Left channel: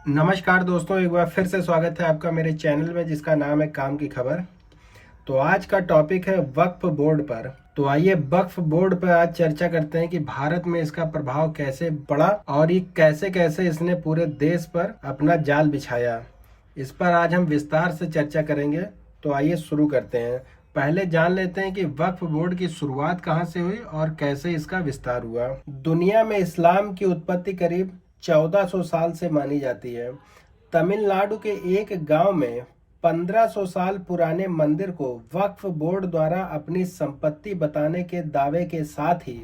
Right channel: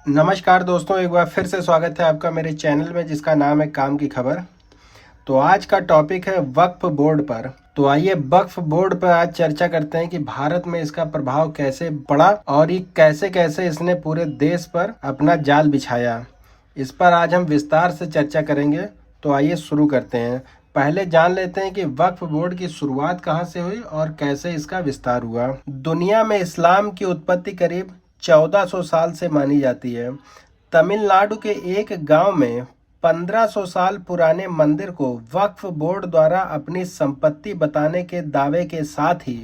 नमस्कार दोस्तों, एक बार फिर से स्वागत है आपका मेरे चैनल में जिसका नाम है काम की खबर। तो आज का टॉपिक है वक्फ बोर्ड पर। तो आइए वक्फ बोर्ड पर आज चर्चा करते हैं कि भारत में इसका प्रभाव कैसे पड़ा और ये कैसे कैसे इसने पूरे देश पर अपना जाल बिछाया। इस पर आज हम विस्तार से चर्चा करेंगे। तो आइए शुरू करते हैं। पहले जान लेते हैं कि वक्फ बोर्ड की शुरुआत कहाँ से हुई और कैसे इसका विस्तार हुआ। दुनिया में इस्लाम की उत्पत्ति करीब 1400 साल से मानी जाती है। तमिलनाडु के एक गांव में 1500 साल पुराने मंदिर को वक्फ बोर्ड द्वारा अपनी संपत्ति बताने के दावे के साथ ही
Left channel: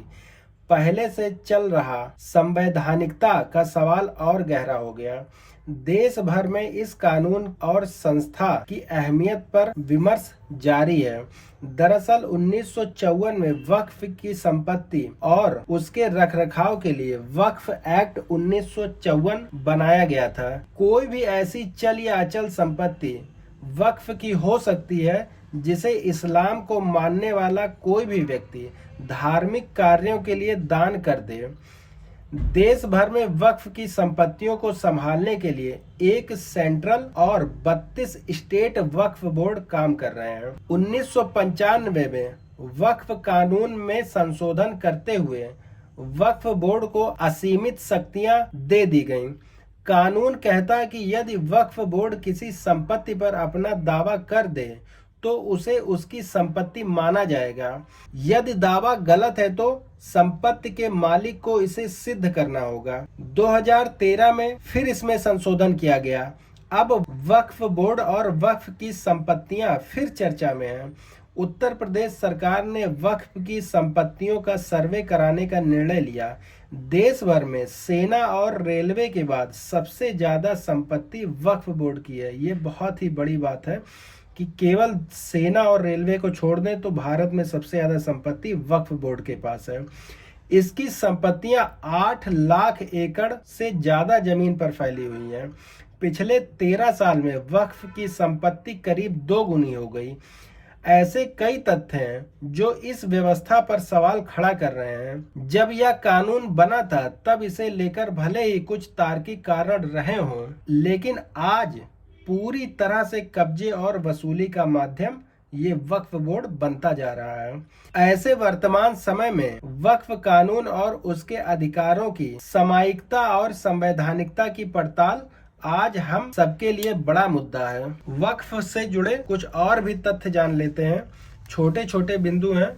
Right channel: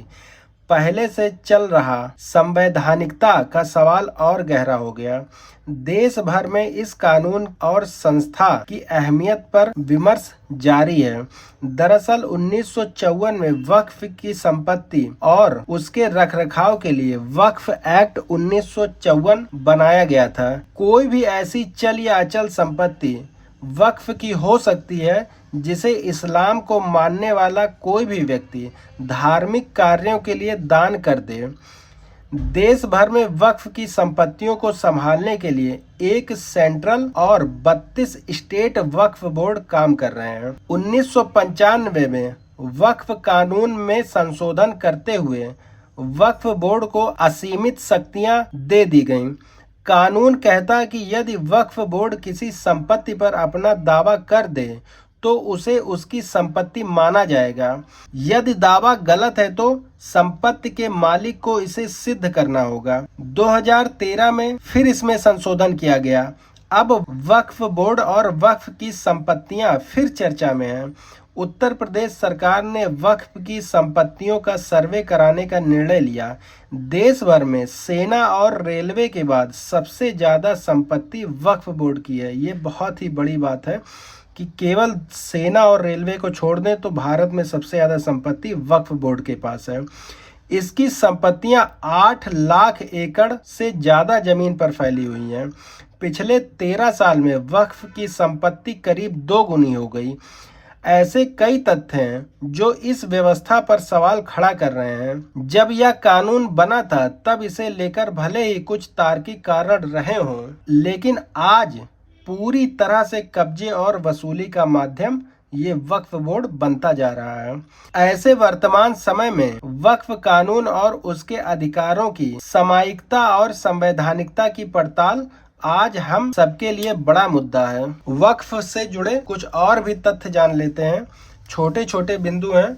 पहले से चल रहा संवैधानिकता का सवाल और गहरा हो गया। देश भर में इस कानून और संस्था की अहमियत पर विमर्श जारी है। दरअसल 1954 में वक्फ की संपत्ति और उसके रखरखाव के लिए वक्फ एक्ट 1954 बनाया गया था। कोई भी ऐसी चल या अचल संपत्ति वक्फ की हो सकती है जिसे इस्लाम को मानने वाला कोई भी व्यक्ति धार्मिक कार्यों के लिए दान कर दे। देश भर में वक्फ की संपत्तियों को संभालने के लिए एक सेंट्रल और 32 स्टेट वक्फ बोर्ड काम कर रहे हैं। 1995 में वक्फ कानून में संशोधन करते हुए वक्फ बोर्ड को असीमित शक्तियां दे दी गईं। कानून कहता है कि यदि वक्फ बोर्ड किसी संपत्ति पर अपना दावा कर दे तो उसे उसकी संपत्ति माना जाएगा। यदि दावा गलत है तो संपत्ति के मालिक को इसे सिद्ध करना होगा। 2013 में फिर इसमें संशोधन किया गया। अब वक्फ बोर्ड और वक्फ की संपत्तियां फिर चर्चा में हैं। उत्तर प्रदेश सरकार ने वक्फ की संपत्तियों का सर्वे कराने का निर्णय लिया। देश भर में सेना और रेलवे के बाद सबसे ज्यादा संपत्ति वक्फ बोर्ड की है। ये बहुत ही बड़ी बात है कि केवल सेना और रेलवे को छोड़ दें तो भारत में सबसे ज्यादा संपत्ति वक्फ बोर्ड के पास है। इसकी संपत्तियां 8 लाख एकड़ से ज्यादा जमीन पर फैली हुई हैं। पिछले 13 साल में वक्फ की संपत्ति करीब 2 गुनी हो गई। ऐसे कई तथ्य हैं जो इस व्यवस्था पर सवाल खड़ा कर रहे हैं। जब यह कानून बना था तब इसे लेकर भले ही कुछ तार्किक कारण रहे हों, लेकिन आज पूरी तरह से कब्जे और वसूली का माध्यम ये वक्फ बोर्ड बनता जा रहा है। ऐसे वर्तमान समय में वक्फ कानून और उसके अधिकारों की सामायिकता और संवैधानिकता की पड़ताल आज हम सबके लिए बड़ा मुद्दा है। वक्फ से जुड़े कुछ और भी तथ्य जान लेते हैं। छोटे छोटे बिंदु हैं,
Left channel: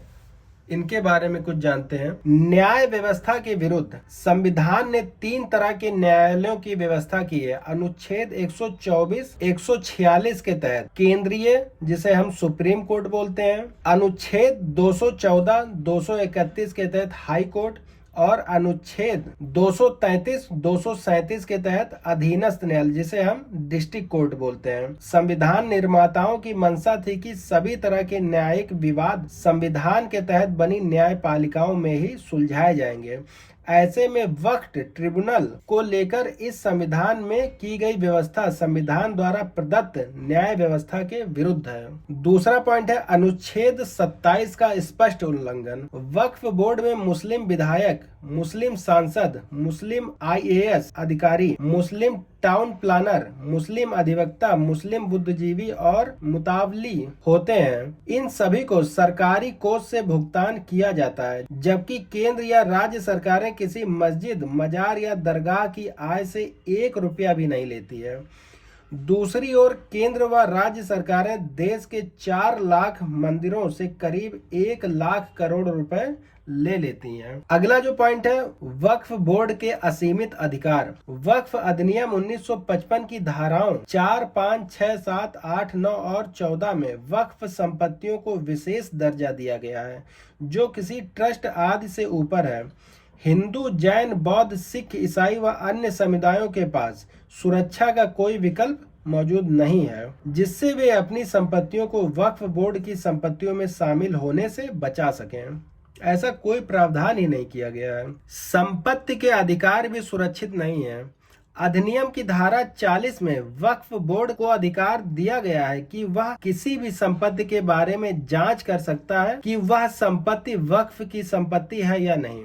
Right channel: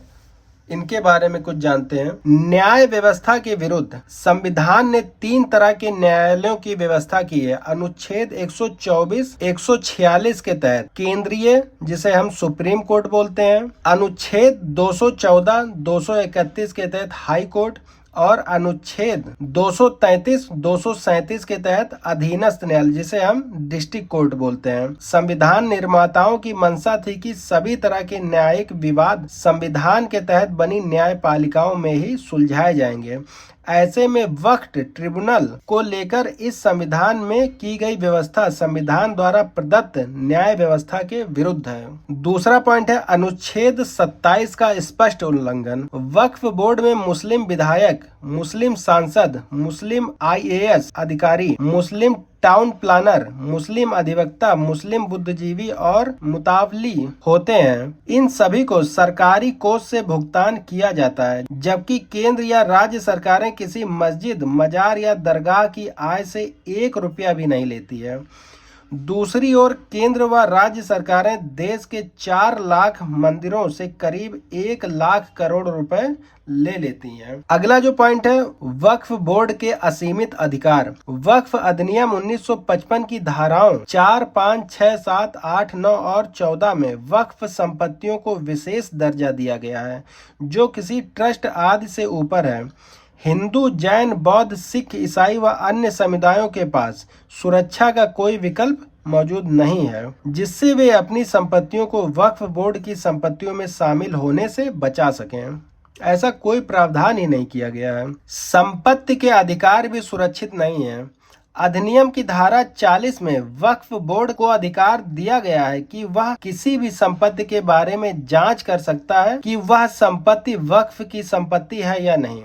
इनके बारे में कुछ जानते हैं। न्याय व्यवस्था के विरुद्ध संविधान ने 3 तरह के न्यायालयों की व्यवस्था की है। अनुच्छेद 124, 146 के तहत केंद्रीय, जिसे हम सुप्रीम कोर्ट बोलते हैं, अनुच्छेद 214, 231 के तहत हाई कोर्ट और अनुच्छेद 233, 237 के तहत अधीनस्थ न्यायालय, जिसे हम डिस्ट्रिक्ट कोर्ट बोलते हैं। संविधान निर्माताओं की मंशा थी कि सभी तरह के न्यायिक विवाद संविधान के तहत बनी न्यायपालिकाओं में ही सुलझाए जाएंगे। ऐसे में वक्फ ट्रिब्यूनल को लेकर इस संविधान में की गई व्यवस्था संविधान द्वारा प्रदत्त न्याय व्यवस्था के विरुद्ध है। दूसरा पॉइंट है अनुच्छेद 27 का स्पष्ट उल्लंघन। वक्फ बोर्ड में मुस्लिम विधायक, मुस्लिम सांसद, मुस्लिम IAS अधिकारी, मुस्लिम टाउन प्लानर, मुस्लिम अधिवक्ता, मुस्लिम बुद्धिजीवी और मुतावली होते हैं। इन सभी को सरकारी कोष से भुगतान किया जाता है, जबकि केंद्र या राज्य सरकारें किसी मस्जिद, मजार या दरगाह की आय से 1 रुपया भी नहीं लेती है। दूसरी ओर केंद्र व राज्य सरकारें देश के 4 लाख मंदिरों से करीब 1 लाख करोड़ रुपए ले लेती हैं। अगला जो पॉइंट है वक्फ बोर्ड के असीमित अधिकार। वक्फ अधिनियम 1955 की धाराओं 4, 5, 6, 7, 8, 9 और 14 में वक्फ संपत्तियों को विशेष दर्जा दिया गया है जो किसी ट्रस्ट आदि से ऊपर है। हिंदू, जैन, बौद्ध, सिख, ईसाई व अन्य समुदायों के पास सुरक्षा का कोई विकल्प मौजूद नहीं है जिससे वे अपनी संपत्तियों को वक्फ बोर्ड की संपत्तियों में शामिल होने से बचा सकें। ऐसा कोई प्रावधान ही नहीं किया गया है। संपत्ति के अधिकार भी सुरक्षित नहीं है। अधिनियम की धारा 40 में वक्फ बोर्ड को अधिकार दिया गया है कि वह किसी भी संपत्ति के बारे में जांच कर सकता है कि वह संपत्ति वक्फ की संपत्ति है या नहीं।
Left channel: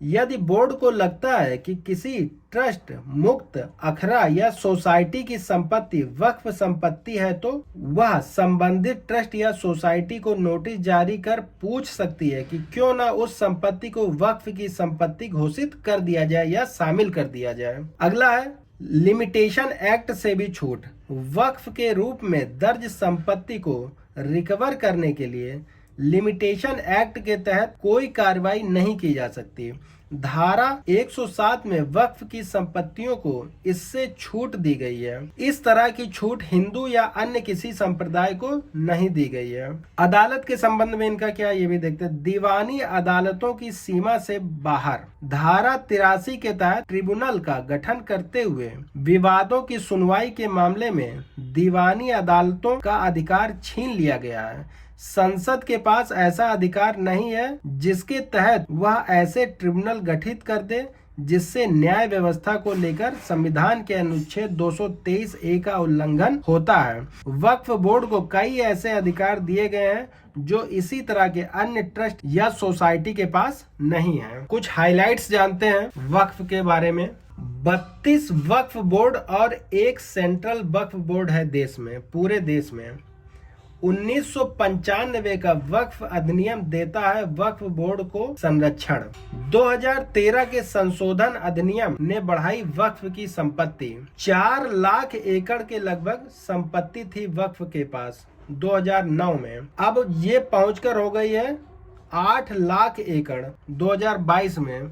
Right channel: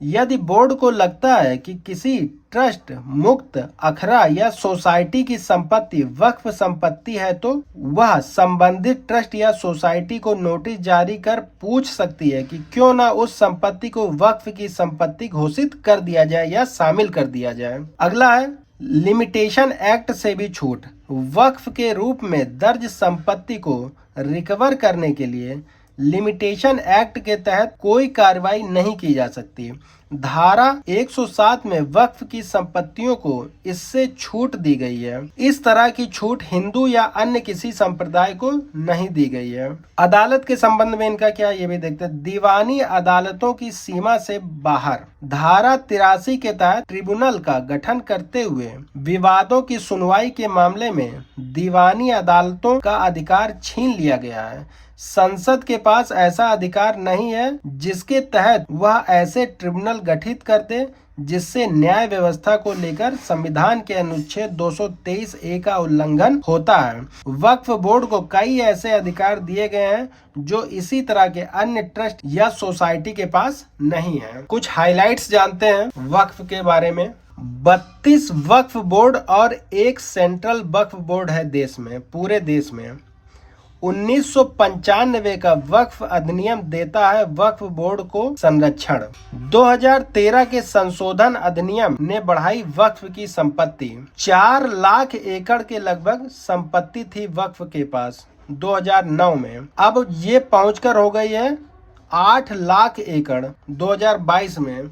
यदि बोर्ड को लगता है कि किसी ट्रस्ट, मुक्त, अखरा या सोसाइटी की संपत्ति वक्फ संपत्ति है तो वह संबंधित ट्रस्ट या सोसाइटी को नोटिस जारी कर पूछ सकती है कि क्यों ना उस संपत्ति को वक्फ की संपत्ति घोषित कर दिया जाए या शामिल कर दिया जाए। अगला है लिमिटेशन एक्ट से भी छूट। वक्फ के रूप में दर्ज संपत्ति को रिकवर करने के लिए लिमिटेशन एक्ट के तहत कोई कार्रवाई नहीं की जा सकती। धारा 107 में वक्फ की संपत्तियों को इससे छूट दी गई है। इस तरह की छूट हिंदू या अन्य किसी संप्रदाय को नहीं दी गई है। अदालत के संबंध में इनका क्या, ये भी देखते हैं। दीवानी अदालतों की सीमा से बाहर धारा 83 के तहत ट्रिब्यूनल का गठन करते हुए विवादों की सुनवाई के मामले में दीवानी अदालतों का अधिकार छीन लिया गया है। संसद के पास ऐसा अधिकार नहीं है जिसके तहत वह ऐसे ट्रिब्यूनल गठित कर दे जिससे न्याय व्यवस्था को लेकर संविधान के अनुच्छेद 223A का उल्लंघन होता है। वक्फ बोर्ड को कई ऐसे अधिकार दिए गए हैं जो इसी तरह के अन्य ट्रस्ट या सोसाइटी के पास नहीं है। कुछ हाइलाइट्स जानते हैं वक्फ के बारे में। 32 वक्फ बोर्ड और एक सेंट्रल वक्फ बोर्ड है देश में, पूरे देश में। 1995 का वक्फ अधिनियम देता है वक्फ बोर्ड को संरक्षण। 2013 के संशोधन अधिनियम ने बढ़ाई वक्फ की संपत्ति। 4 लाख एकड़ के लगभग संपत्ति थी वक्फ के पास 2009 में, अब ये पहुंचकर हो गई है 8 लाख एकड़ 2022 में।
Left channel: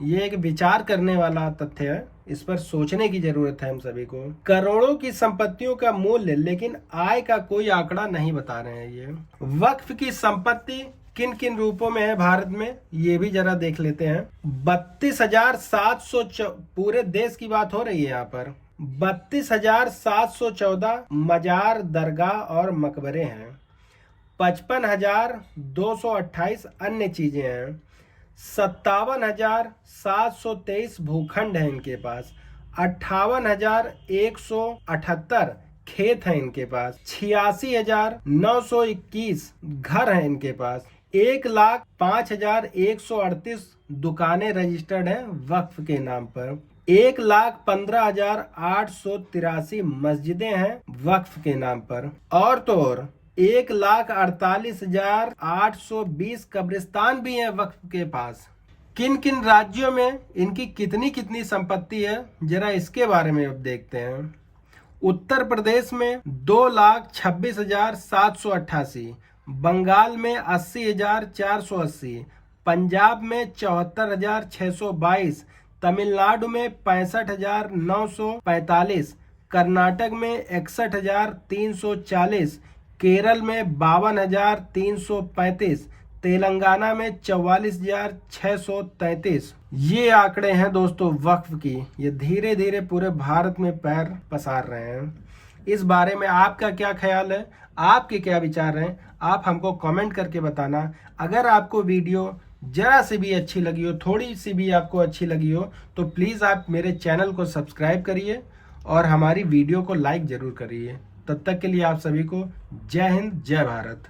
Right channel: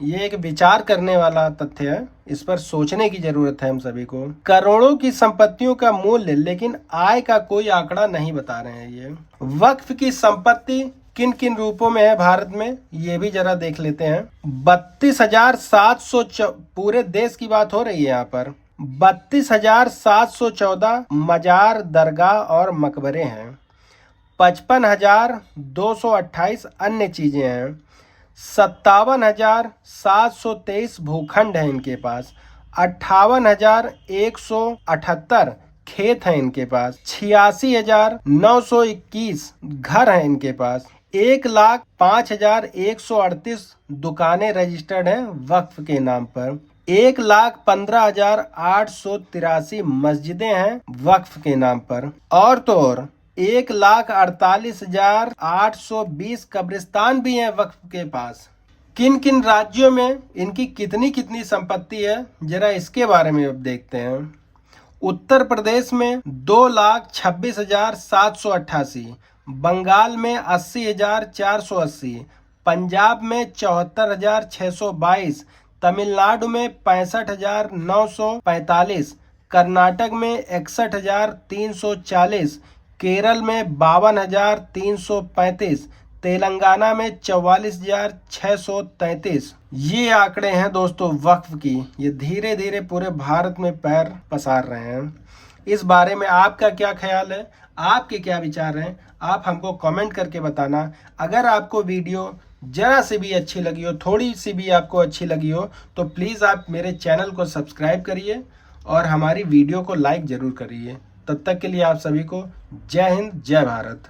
ये एक विचार करने वाला तथ्य है, इस पर सोचने की जरूरत है हम सभी को। करोड़ों की संपत्तियों का मूल्य लेकिन आय का कोई आंकड़ा नहीं बता रहे हैं ये। वक्फ की संपत्ति किन किन रूपों में है भारत में, ये भी जरा देख लेते हैं। 32,700 पूरे देश की बात हो रही है यहाँ पर। 32,714 मजार, दरगाह और मकबरे हैं। 55,228 अन्य चीजें हैं। 57,723 भूखंड है इनके पास। 58,178 खेत हैं इनके पास। 86,921 घर हैं इनके पास। 1,05,138 दुकानें रजिस्टर्ड हैं वक्फ के नाम पर। 1,15,883 मस्जिदें हैं वक्फ के नाम पर। और तो और 1,48,820 कब्रिस्तान भी हैं वक्फ के पास। किन किन राज्यों में इनकी कितनी कितनी संपत्ति है, जरा इसके बारे में अब देखते हैं। उत्तर प्रदेश में 2,26,788, बंगाल में 80,480, पंजाब में 74,622, तमिलनाडु में 65,945, कर्नाटक में 61,340, केरल में 52,335, तेलंगाना में 44,633। ये आंकड़े हैं दोस्तों वक्फ की। ये धीरे धीरे पूरे भारत में पैर पसार रहे हैं। इस बारे में आपका क्या ख्याल है, आपके क्या विचार हैं, आप हमको कमेंट करके बताना। अगर आपको वीडियो जरा सी भी अच्छी लगी हो, थोड़ी सी भी आपको अच्छी लगी हो, तो प्लीज़ आप मेरे चैनल को सब्सक्राइब करिए और हमारी वीडियो को लाइक ज़रूर करिए। तब तक के लिए आप सभी को जय हिंद, जय भारत।